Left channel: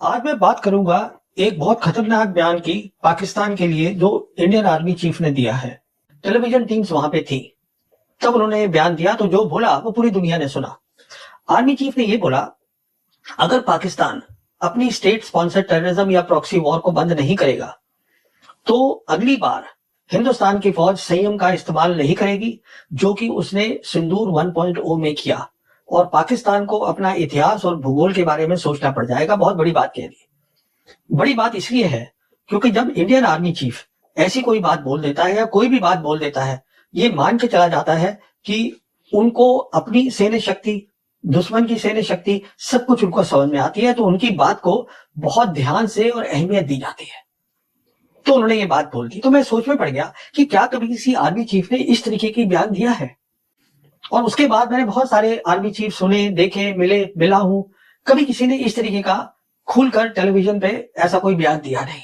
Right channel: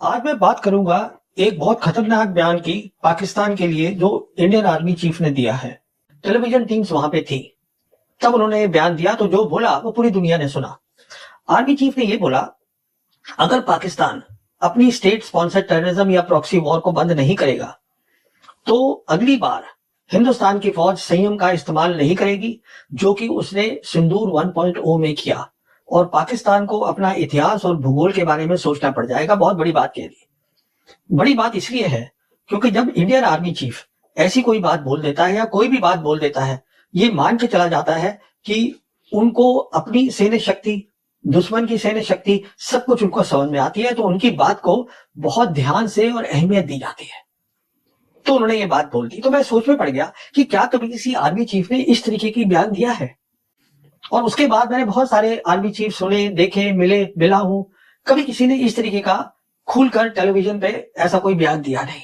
आज मैं बात करूंगा एक बहुत खतरनाक बयान की पाकिस्तान के लिए जो इंडियन आर्मी चीफ ने दिया है। टेलीविजन टीम्स वहां पे थी, तब उन्होंने बयान दिया तो जो बोला वो पूरी दुनिया ने सुना। आर्मी चीफ ने ये बोला, अगर पाकिस्तान अपनी स्टेट स्पॉन्सर्ड टेररिज्म या प्रॉक्सी वॉर को बंद नहीं करेगा तो अगली बार हिंदुस्तान की फौज संयम का इस्तेमाल नहीं करेगी, जो कि उसने सिंदूर 1.0 में किया, और पाकिस्तान को अपना इतिहास और भूगोल के बारे में सोचना पड़ जाएगा। बहुत बड़ी बात कह दी। बड़ी बात इसलिए है क्योंकि जब इंडियन आर्मी चीफ ऐसी कोई बात बोल देता है या कोई भी बात बोल देता है, ये मान के चला जाता है कि उनको अपनी सैन्य शक्ति, दुश्मन की सैन्य शक्ति, सब कुछ उनको समझ में आती है, तो उनकी बात को बहुत ध्यान से और अहमियत दी जाती है। तो उन्होंने ये बात बोल दी, तो मैं सोच में पड़ गया कि क्या कभी किसी आर्मी चीफ ने इस तरीके की बयान दिया है। और उसके बाद मैंने बहुत सारे आर्मी चीफ सुने, देखे, मिला हूं, कभी किसी ने इस तरीके का खुलकर टेलीविजन पे ऐसा कोई बयान दिया नहीं।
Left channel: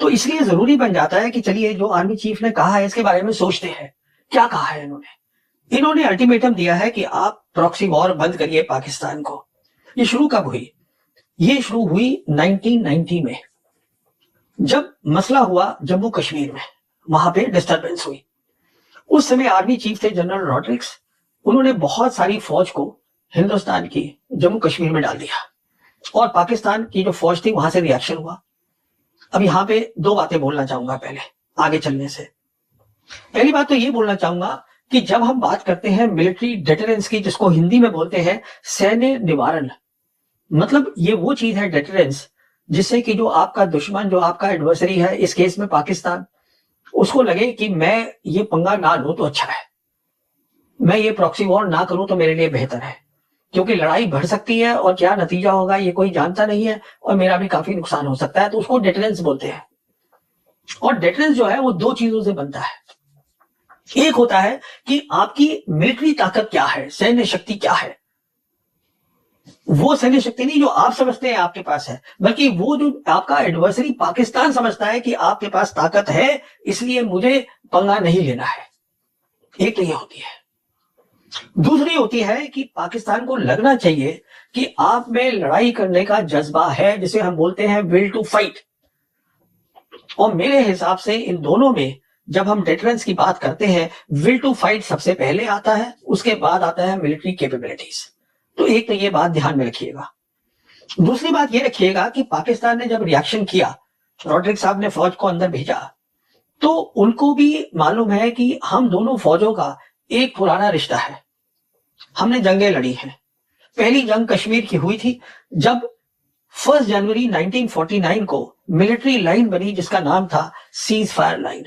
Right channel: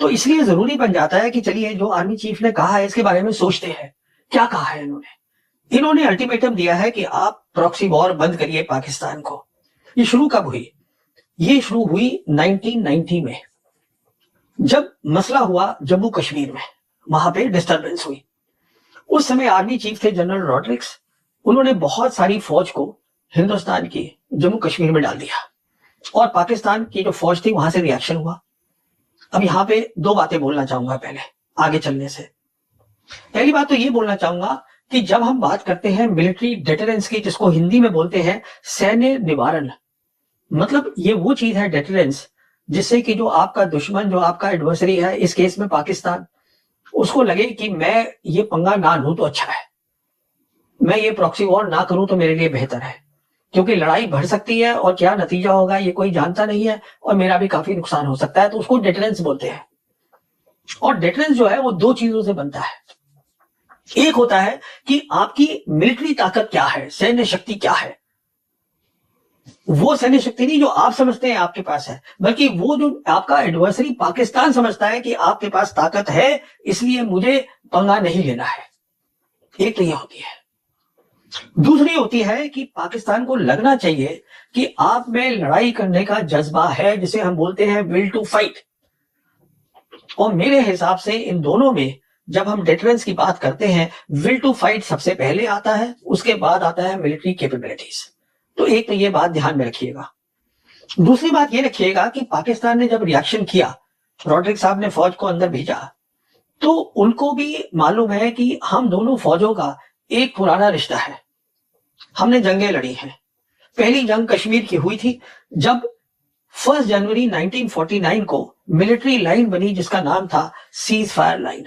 तो इसलिए जरूरी बन जाता है कि चलिए जो आर्मी चीफ ने कहा है इसके बारे में सोचते हैं। क्या कहा है इन्होंने अल्टीमेटम दिया है कि आप प्रॉक्सी वॉर बंद करिए पाकिस्तान को। ये शुरू कब हुई? ये शुरू हुई 1990 में, जब मसला हुआ जम्मू कश्मीर में, वहां पे डिस्टरबेंस हुई। उस समय आर्मी चीफ थे जनरल रॉड्रिक्स। उन्होंने बहुत सारी फौज को हिंदुस्तान की जम्मू कश्मीर में डाल दिया और पाकिस्तान की जो फौज थी वहां से रिएक्शन हुआ। अब यहाँ पे दो बातें बोलना चाहूंगा पहले आगे चलने से। पहली बात तो ये बोलना चाहूंगा कि जब हम बात करते हैं मिलिट्री डेटरेंस की, जिसको हिंदी में बोलते हैं सैन्य निवारण, मतलब ये वो चीज है डेटरेंस जिससे कि जो आपका दुश्मन, जो आपका एडवर्सरी है, इस केस में पाकिस्तान, उसको लगे कि मैं ये पंगा ना लूं तो अच्छा है, मैं ये प्रॉक्सी वॉर ना करूं तो मेरे लिए बेहतर है, क्योंकि लड़ाई बढ़ सकती है और क्या नतीजा होगा ये कोई जानता नहीं है और मेरा भी काफी नुकसान हो सकता है। तो उसको डेटरेंस बोलते हैं। और डेटरेंस जो है वो दो चीजों से बनता है। एक होता है कि आपकी मिलिट्री ताकत क्या है, सैन्य शक्ति क्या है। वो सैन्य शक्ति नहीं जो आप समझते हैं आपके पास है, बल्कि वो जो आपका एडवर्सरी पाकिस्तान समझता है कि आपके पास ताकत है, इसलिए मुझे पंगा नहीं लेना है। एक तो ये होती है। दूसरी होती है कि पाकिस्तान को लगना चाहिए कि आप में लड़ाई करने का जज्बा है, जिसे हम बोलते हैं विल टू फाइट। और मेरे हिसाब से इन दोनों में जब हम डिफरेंस की बात करते हैं, विल टू फाइट सबसे पहले आता है, उसके बाद आता है मिलिट्री कैपेबिलिटीज। तो एक तो ये बात ध्यान में रखिएगा। दूसरी बात ये रखिएगा कि पाकिस्तान ने जब रिएक्शन किया, रॉड्रिक्स साहब ने फौज को अंदर भेजा, तो उनको भी मालूम है कि हम दोनों फौजों का एक पुराना रिश्ता है, हमने जंगें लड़ी हैं। पहली जंग कश्मीर की हुई थी, जब 1 जनवरी 1949 को मिलिट्री लाइन बनी जिसका नाम था सीज फायर लाइन।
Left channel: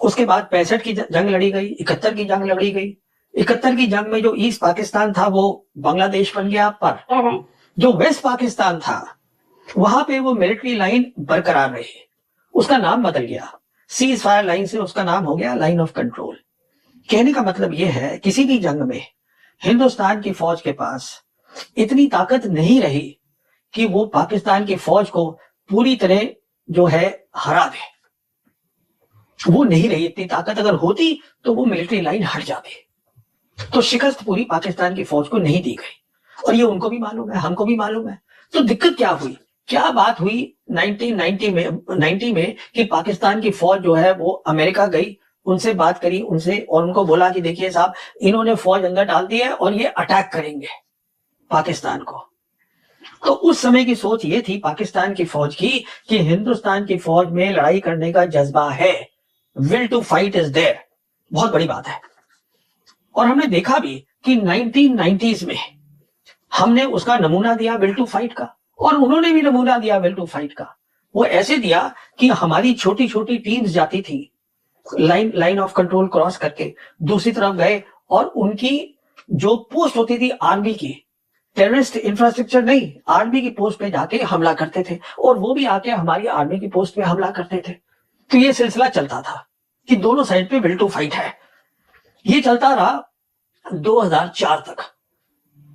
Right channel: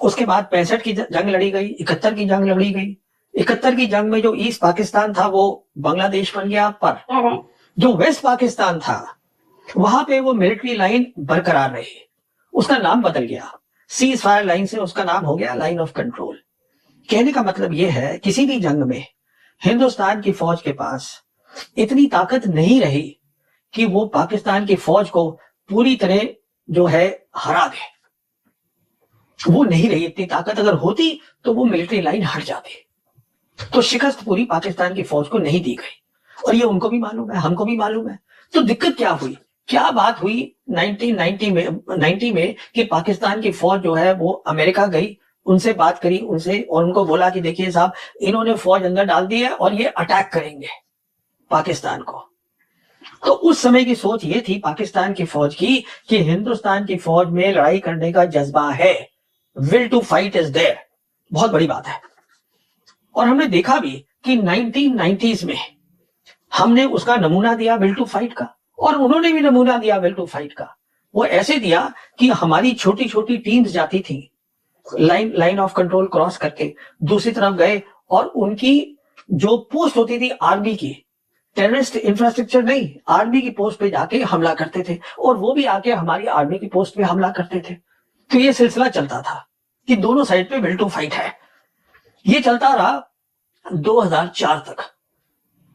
उसके बाद 65 की जंग लड़ी गई, 71 की जंग लड़ी गई। 71 की जंग में जो ईस्ट पाकिस्तान था वो बांग्लादेश बन गया, पर जो वेस्ट पाकिस्तान था वहां पे वो मिलिट्री लाइन बरकरार रही, उसका नाम बदल गया। सीज फायर लाइन से उसका नाम हो गया लाइन ऑफ कंट्रोल। कहने का मतलब यह है, किसी भी जंग में हिंदुस्तान की फौज के पास इतनी ताकत नहीं रही कि वो पाकिस्तान की फौज को पूरी तरह जो है हरा दे। वो नहीं रही इतनी ताकत। अगर होती तो वो मिलिट्री लाइन हट जाती। तो शिकस्त पूरी पाकिस्तान की फौज को नहीं दी गई, और ये उनको भी मालूम है, हमको भी मालूम है। तो दिक्कत क्या हुई, क्या बात हुई 1990 में कि पाकिस्तान की फौज जो है वो अमेरिका गई, उनसे बात करी उनसे, और उनको बोला कि देखिए साहब, इन्होंने फौज अंदर डाल दी है और ये अटैक करेंगे पाकिस्तान को। तो उस समय की सोच ये थी पाकिस्तान की फौज की कि हिंदुस्तान की फौज में लड़ाई करने का जज्बा है, will to fight is there. बहुत बड़ी बात है। और हमने देखा भी कि 1990s में हमने उसका नमूना दिया विल टू फाइट का, और उन्होंने भी नमूना दिया विल टू फाइट का। वो ऐसे दिया कि हमारी छोटी छोटी टीम्स जाती थी, लाइन ऑफ कंट्रोल क्रॉस करके दूसरी तरफ गए, और उनकी जो पोस्ट होती थी आर्मी की, टेररिस्ट इंफ्रास्ट्रक्चर नहीं, आर्मी की पोस्ट पे जाके हमला करते थे, और वो भी आके हमारी आर्मी की पोस्ट पे हमला करते थे। तो ये सिलसिला चलता था कि दोनों साइड पे विल टू फाइट है। ये चलता रहा 2004 तक।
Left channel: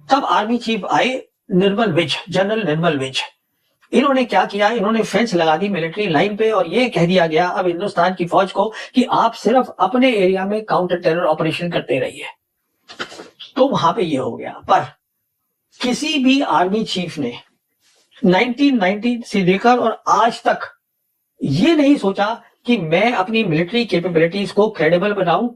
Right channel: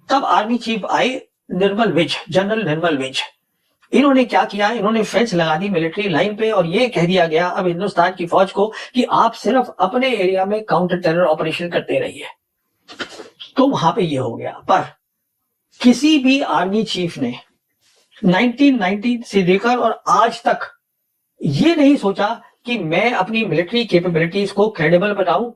तब आर्मी चीफ आए निर्मल विज, जनरल निर्मल विज। इन्होंने क्या किया, इन्होंने फेंस लगा दी मिलिट्री लाइन पे, और ये कह दिया गया अब हिंदुस्तान की फौज को कि आप सिर्फ अपने एरिया में काउंटर टेरर ऑपरेशन करते रहिए। तो वहां पे ये हो गया। पर किसी भी आर्मी चीफ ने 1990 से लेकर और आज तक ये नहीं सोचा कि मैं अपनी मिलिट्री कैपेबिलिटीज को क्रेडिबल बनाऊं,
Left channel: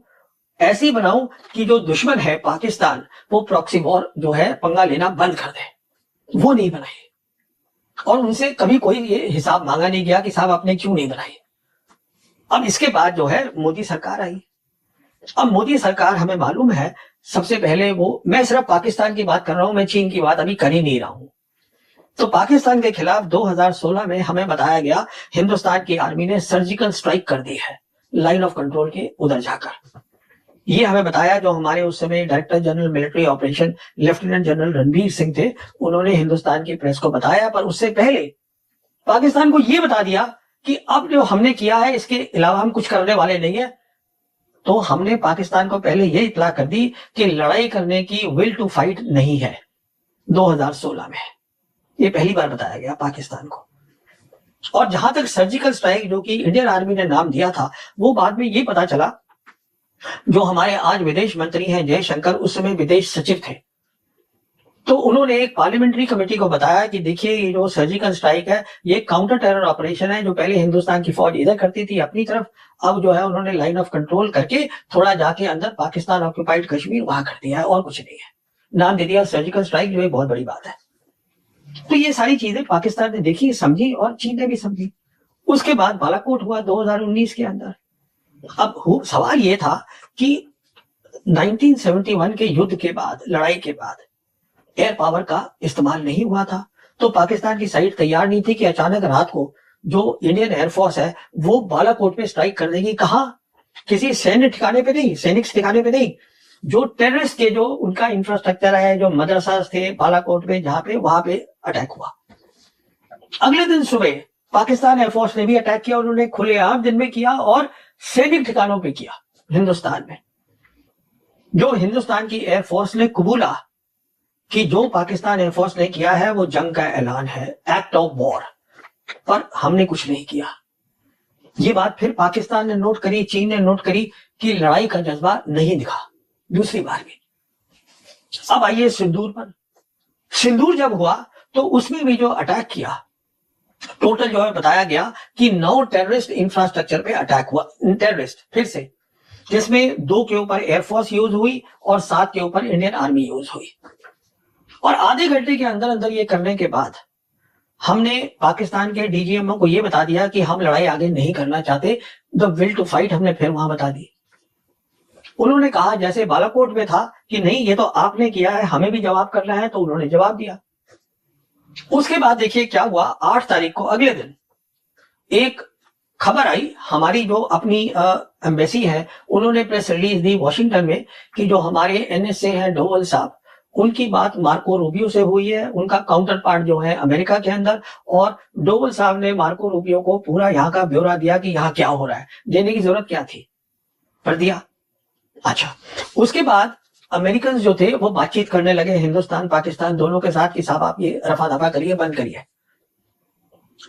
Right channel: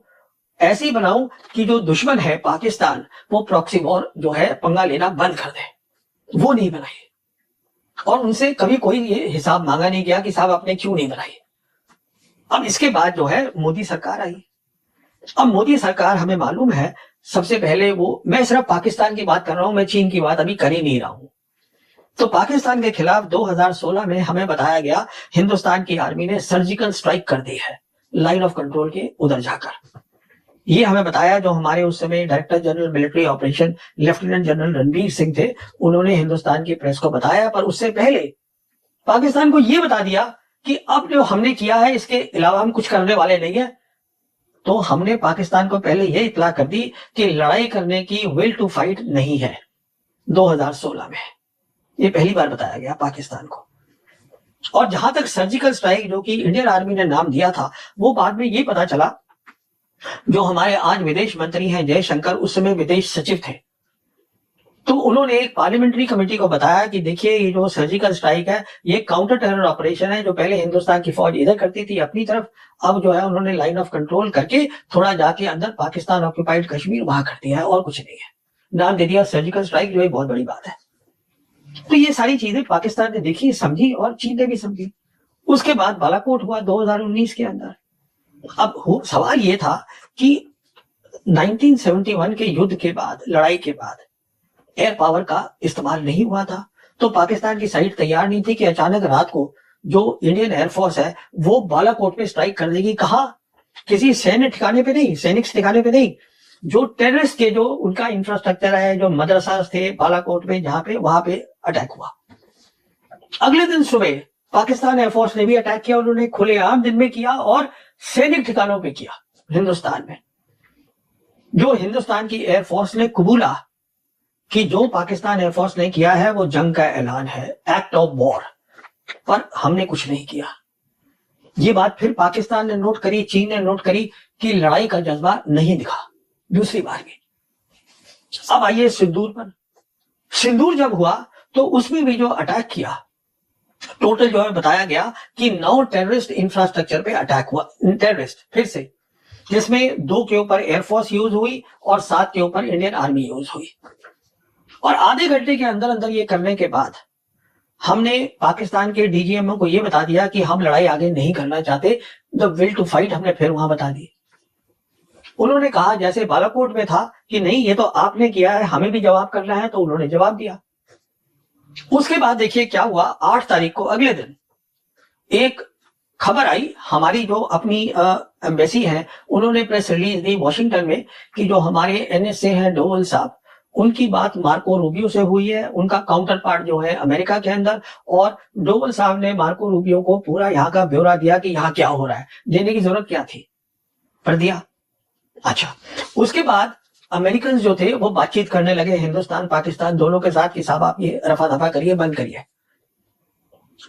ऐसी बनाऊं कि जो दुश्मन है पाकिस्तान, वो प्रॉक्सी वॉर जो है पंगा लेना बंद कर दे। वो नहीं बनाई और उनसे कभी कोई हिसाब मांगा नहीं गया कि साहब आपने क्यों नहीं बनाई। अब इसके बाद जो है मोदी सरकार आई। अब मोदी सरकार, हमें मालूम है, सबसे पहले वो, मैं सिर्फ पाकिस्तान की बात कर रहा हूं, मैं चीन की बात अभी कर ही नहीं रहा हूं। तो पाकिस्तान के खिलाफ 2016 में हमें बताया गया हिंदुस्तान की आर्मी ने सर्जिकल स्ट्राइक कर दी है लाइन ऑफ कंट्रोल के उधर जाकर। ये हमें बताया जो हमारे उस समय director general military operation lieutenant general Ranbir Singh थे, उन्होंने हिंदुस्तान की प्रेस को बताया। पर उससे पहले पाकिस्तान को यह बता दिया कि अब जो हमने किया है इसके अलावा हम कुछ करने वाले नहीं है। तो हमने पाकिस्तान को पहले यह इतला कर दी कि लड़ाई करने की विल टू फाइट नहीं है 2016 में। ये पहली बार बताया गया पाकिस्तान को। और जहां तक सर्जिकल स्ट्राइक जो कि इंडियन आर्मी ने नाम दिया था, वो बाद में ये पता चला, जो हमारे आज विदेश मंत्री हैं जयशंकर, उस समय विदेश सचिव थे, तो उन्होंने एक पार्लियामेंट्री कमेटी को बताया कि देखिए ये जो सर्जिकल स्ट्राइक है ये काउंटर टेरर ऑपरेशन है। जो पहले हिंदुस्तान की फौज इधर करती थी अपनी तरफ, अब जो है उन्होंने लाइन ऑफ कंट्रोल करके थोड़ा जाके अंदर पाकिस्तान ऑक्यूपाइड कश्मीर वहां कर दिया है, और कुछ नहीं है। नाम दे दिया सर्जिकल स्ट्राइक, जो एक बहुत बड़ी बात है। तो ये सारी चीजें पाकिस्तान ने देखी, समझी, और चीन ने भी समझी। उसके बाद बालाकोट हुआ 2019 के अंदर। अब सवाल ये था कि 1971 के युद्ध के बाद, लड़ाई के बाद एयर पावर का इस्तेमाल नहीं हुआ था, तो पाकिस्तान की साइड तैयार नहीं थी कि अचानक रात को जो इंडियन एयरफोर्स है वो बालाकोट पे स्ट्राइक कर देगी। कहा? किसी सैन्य ठिकाने पे नहीं, सैनिक ठिकाने पे नहीं, जो टेररिस्ट के जो उनका इंफ्रास्ट्रक्चर है, जो मदरसा थे बालाकोट में, जहां पे, वहां पे अटैक हुआ। अगले दिन सुबह पाकिस्तान एयरफोर्स ने भी अटैक किया। उन्होंने खुलेआम दिन में किया और सैनिक ठिकानों पे किया हिंदुस्तान में। जो हिंदुस्तान की एयरफोर्स ने कबूला कि जो पाकिस्तान एयरफोर्स ने किया है वो जंग का ऐलान है, एक्ट ऑफ वॉर, पर हमने कुछ नहीं किया। ये बात फिर पाकिस्तान ने नोट करी, चीन ने नोट करी कि लड़ाई का जज्बा नहीं दिखा दूसरी बार भी। अब आइए सिंदूर पर। सिंदूर जब हुआ तो उसमें भी जो अटैक किया, टोटल जो है बताया गया कि 9 टेररिस्ट इंफ्रास्ट्रक्चर पे अटैक हुआ, टेररिस्ट फिर से, जिसमें 2 के ऊपर एयरफोर्स यूज हुई और 7 के ऊपर इंडियन आर्मी यूज हुई। और आधे घंटे के अंदर अंदर ये करने के बाद हमने पाकिस्तान के डीजीएमओ को ये बता दिया कि हम लड़ाई आगे नहीं करना चाहते। द विल टू फाइट हमने फिर वहां बता दी। उन्होंने कहा जैसे बालाकोट में था कि नहीं ये तो आपने किया है, हमें भी जवाब करना है, तो उन्होंने जवाब दिया। उसके बाद देखिए क्या हुआ। 8 तारीख को अगले दिन एक खबर आई, हमारी जो अपनी एम्बेसी है उन्होंने प्रेस रिलीज दी वॉशिंगटन में कि जो हमारे एनएसए हैं डोवल साहब, उनकी बात मार्को रूबियो से हुई है, उनका काउंटर पार्ट जो है अमेरिका के अंदर, और डोवल साहब ने मार्को रूबियो को पूरा यहाँ का ब्यौरा दिया कि यहाँ क्या हो रहा है। देने की जरूरत क्या थी, पर दिया। अच्छा, उसके बाद अमेरिकन जो थे वो बातचीत करने लगे हिंदुस्तान पाकिस्तान दोनों के साथ कि साहब आप ये रफा दफा करिए, बंद करिए।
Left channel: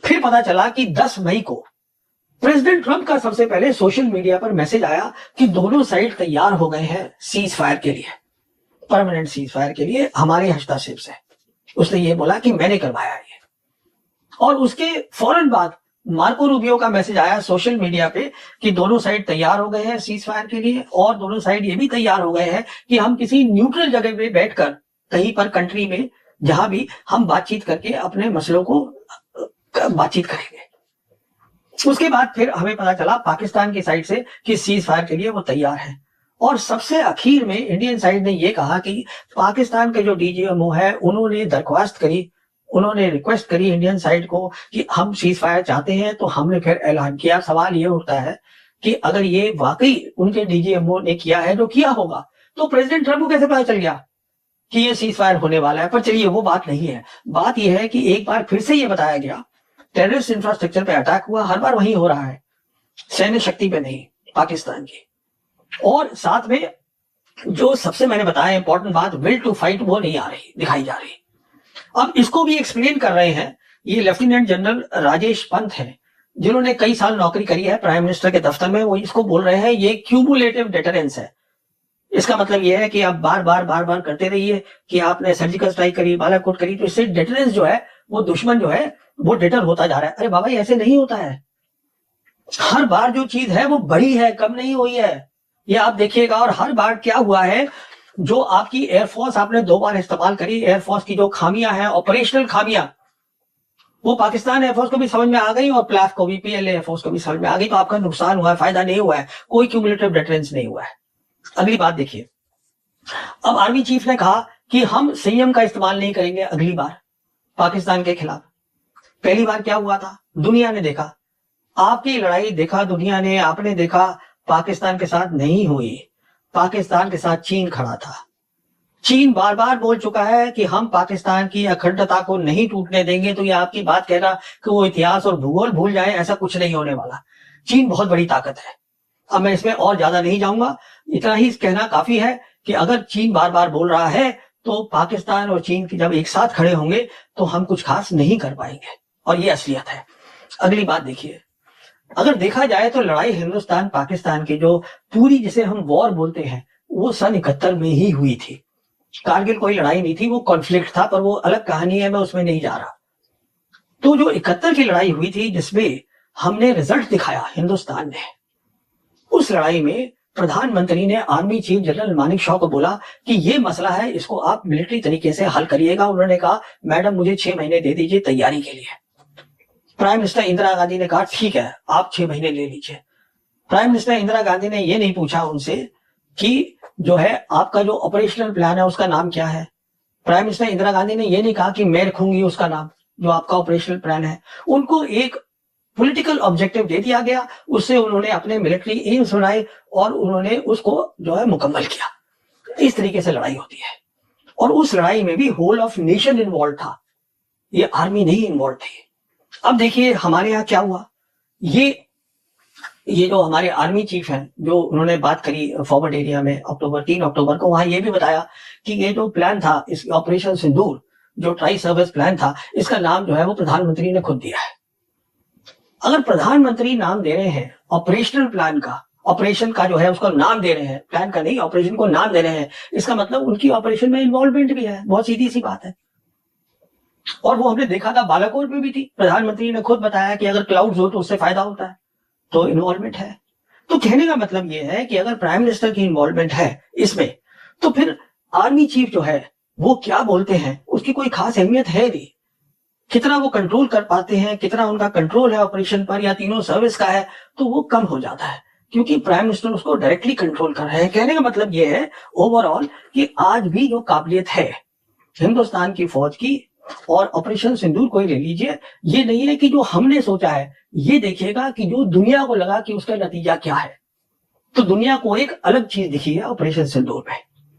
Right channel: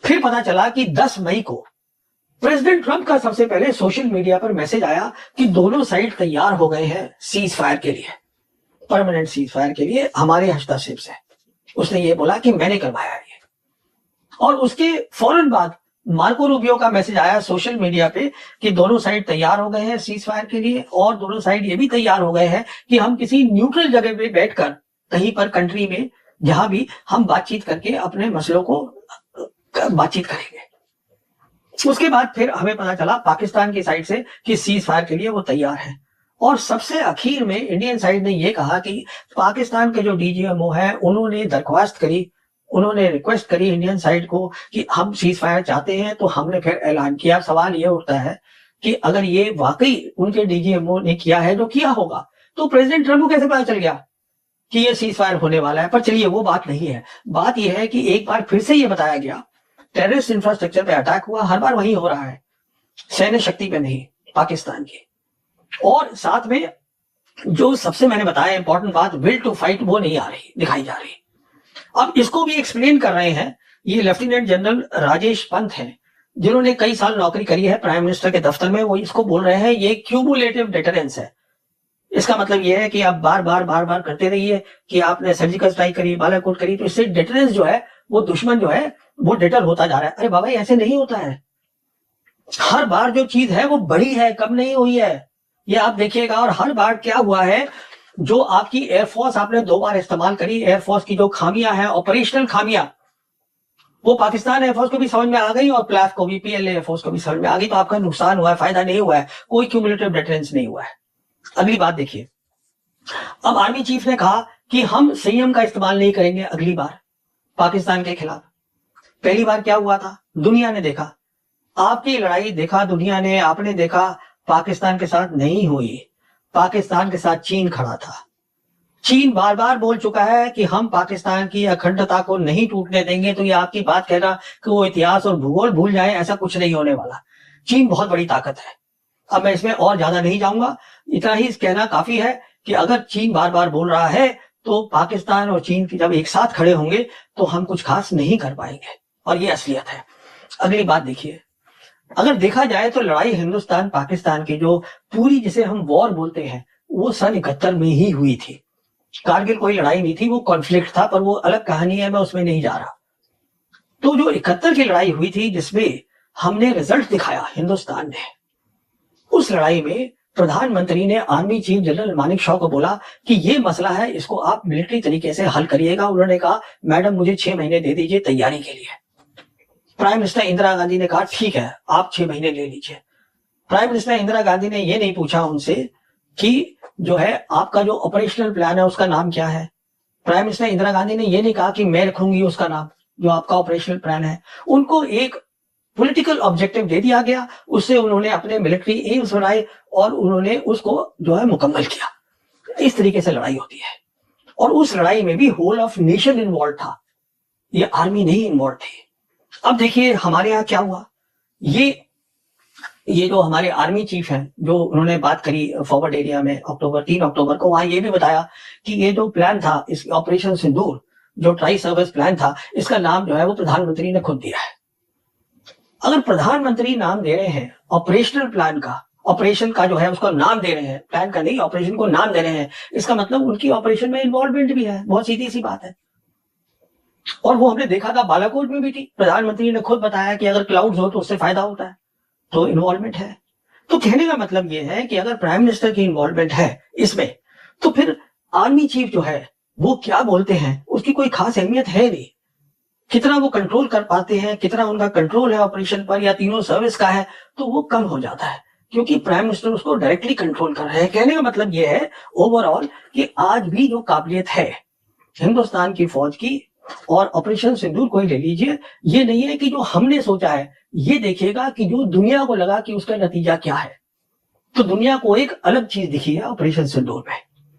फिर पता चला कि 10 मई को प्रेसिडेंट ट्रंप का सबसे पहले सोशल मीडिया पर मैसेज आया कि दोनों साइड तैयार हो गए हैं सीज फायर के लिए, परमानेंट सीज फायर के लिए हमारे हस्तक्षेप से। उसने ये बोला कि मैंने करवाया ये। और उसके फौरन बाद मार्को रूबियो का मैसेज आया सोशल मीडिया पे कि दोनों साइड तैयार हो गए हैं सीज फायर के लिए, और दोनों साइड ये भी तैयार हो गए हैं कि हम किसी न्यूट्रल जगह पे बैठकर कहीं पर कंट्री में जहां भी हम बातचीत करके अपने मसलों को बातचीत करेंगे। उसके बाद फिर हमें पता चला पाकिस्तान की साइड से कि सीज फायर के लिए वो तैयार है। और सबसे आखिर में इंडियन साइड ने ये कहा कि पाकिस्तान के जो डीजीएमओ है उन्होंने दरख्वास्त करी, उन्होंने रिक्वेस्ट करी इंडियन साइड को कि हम सीज फायर चाहते हैं, तो हमने फिर ऐलान किया। सवाल ये उठता है कि अगर ये वाकई उनके डीजीएमओ ने किया है, जो किया होगा, तो प्रेसिडेंट ट्रंप को कैसे पता चल गया कि ये सीज फायर होने वाला है? पर चलिए वो बात नहीं है। बात यह है कि एक बार फिर से ये बताया गया टेररिस्ट इंफ्रास्ट्रक्चर पे अटैक हुआ, हर बार वही हो रहा है, सैन्य शक्ति पे नहीं, पाकिस्तान की। और साथ में जो सबसे मैंने बताया इंपॉर्टेंट बात, विल टू फाइट, वो नहीं आ रही, दिखाई जा रही। अब इसको भी एक्सप्लेन कर रहे हैं ये लेफ्टिनेंट जनरल राजेश पंत हैं, जिन्होंने कई साल नौकरी करी है प्राइम मिनिस्टर के दफ्तर में। वो इसको बोल रहे हैं ये क्यूमुलेटिव डेटरेंस है। इसका मतलब ये है कि आप बार बार करते रहिए कि आपने सर्जिकल स्ट्राइक करी, बालाकोट करी, तो इससे डेटरेंस जो है वो दुश्मन जो है वो डिटर होता जा रहा है। अरे बाबा ये ऐसे नहीं होता है। हर बार जो चीज है वो बढ़ी है, कम नहीं हुई है। ये आप देखिएगा। और हर बार क्या हुआ है, जो आपकी एयरफोर्स आपने 2 बार इस्तेमाल करी, एयरफोर्स की जो खामियां हैं, ऑपरेशनल खामियां, वो पाकिस्तान एयरफोर्स को भी समझ में आ गई और प्लाफ को भी, पीएलए एयरफोर्स को भी समझ में आ गई। तो आपका नुकसान हुआ है, फायदा नहीं हुआ है, कोई क्यूमुलेटिव डिटरेंस नहीं हुआ है। अगली बात देखिए, अब आर्मी चीफ ने कहा कि हम संयम का इस्तेमाल नहीं करेंगे अगली बार पाकिस्तान के खिलाफ। पहली बार क्या हुआ था, दुनिया ने देखा, आपकी लड़ाई देखा दुनिया ने, आपने देखा पाकिस्तान के साथ नहीं हुई। पाकिस्तान के साथ चीन खड़ा था। चीन बार बार बोल चुका है कि हम पाकिस्तान की अखंडता को नहीं टूटने देंगे। तो ये आपकी बात कहेगा कि वो इतिहास और भूगोल भूल जाए, ऐसा कुछ नहीं होने वाला। चीन बहुत बड़ी ताकत है। अब मैं इसमें और ज्यादा नहीं जाऊंगा, इतना ही कहना काफी है कि अगर चीन बार बार बोल रहा है तो पाकिस्तान और चीन जब एक साथ खड़े होंगे तो हम कुछ खास नहीं कर पाएंगे, और ये असलियत है। अगली बात देखिए, अगर देखा जाए तो लड़ाई हिंदुस्तान पाकिस्तान की जो पूरी, जिसे हम वॉर बोलते हैं, वो सन 71 में ही हुई थी। कारगिल कोई लड़ाई नहीं थी, वो कॉन्फ्लिक्ट था, पर वो अलग कहानी है, मैं उसमें नहीं जा रहा। तो जो 71 की लड़ाई हुई थी जिसमें हमने रिजल्ट दिखाया हिंदुस्तान ने, उस लड़ाई में प्रधानमंत्री ने army chief general Manik Shaw को बोला कि ये मसला है, इसको आप मिलिट्री तरीके से हल करिएगा। उन्होंने कहा मैडम मुझे 6 महीने दे दीजिए तैयारी के लिए। प्राइम मिनिस्टर इंदिरा गांधी ने कहा ठीक है आप 6 महीने ले लीजिए। प्राइम मिनिस्टर इंदिरा गांधी ने ये नहीं पूछा उनसे कि जो है आपका जो ऑपरेशनल प्लान है उसका नाम क्या है। प्राइम मिनिस्टर इंदिरा गांधी ने ये नहीं कहा कि मैं रखूंगी उसका नाम, जो आपका ऑपरेशनल प्लान है। उनको एक पॉलिटिकल ऑब्जेक्टिव दे दिया गया, उससे उन्होंने अपने मिलिट्री एम्स बनाए और उन्होंने उसको जो है मुकम्मल किया। इस तरीके से लड़ाई होती है, और उस लड़ाई में भी होल ऑफ नेशन इन्वॉल्व था, ये आर्मी नहीं इन्वॉल्व थी। अब देखिए हमारे यहाँ क्या हुआ, ये जो हमारे आर्मी चीफ हैं, जो उन्होंने बात करी फॉरवर्ड एरिया में 3 अक्टूबर को, वहां ये भी बताया कि ये जो प्लान था, इस ऑपरेशन सिंदूर जो ट्राई सर्विस प्लान था, इसका नाम जो है वो प्रधानमंत्री ने खुद दिया है। अगर प्रधानमंत्री नाम दे रहे हैं ऑपरेशनल प्लान का, ऑपरेशन का जो है उसका नाम दे रहे हैं, प्लान का नहीं, ऑपरेशन को नाम दे रहे हैं, इसका मतलब उनकी ऑपरेशन में इन्वॉल्वमेंट भी है। बहुत सीधी सी बात है। और वो हमने देखा था बालाकोट में भी थी, प्रधानमंत्री ने खुद बताया कि अगर क्लाउड्स हो तो उससे फायदा होता है, तो इन्वॉल्वमेंट है। तो कहने का मतलब ये है कि अगर प्राइम मिनिस्टर की इन्वॉल्वमेंट है इसमें, तो फिर आर्मी चीफ जो है वो क्या बोलते हैं उसकी कोई खास अहमियत है नहीं। कितना वो कंट्रोल कर पाते हैं, कितना उनका कंट्रोल है ऑपरेशन पर या तीनों सर्विस का है, तो वो कम हो जाता है, क्योंकि प्राइम मिनिस्टर उसको डायरेक्टली कंट्रोल कर रहे हैं। कहने का मतलब ये है ओवरऑल कि आज भी जो काबिलियत है हिंदुस्तान की फौज की, और ऑपरेशन सिंदूर को ही ले लीजिए, ये नहीं है कि जो हमने सोचा है, ये देखिएगा कि जो दुनिया को लगा कि उसका नतीजा क्या है। तो दुनिया को एक अलग चीज दिखी है ऑपरेशन सिंदूर में।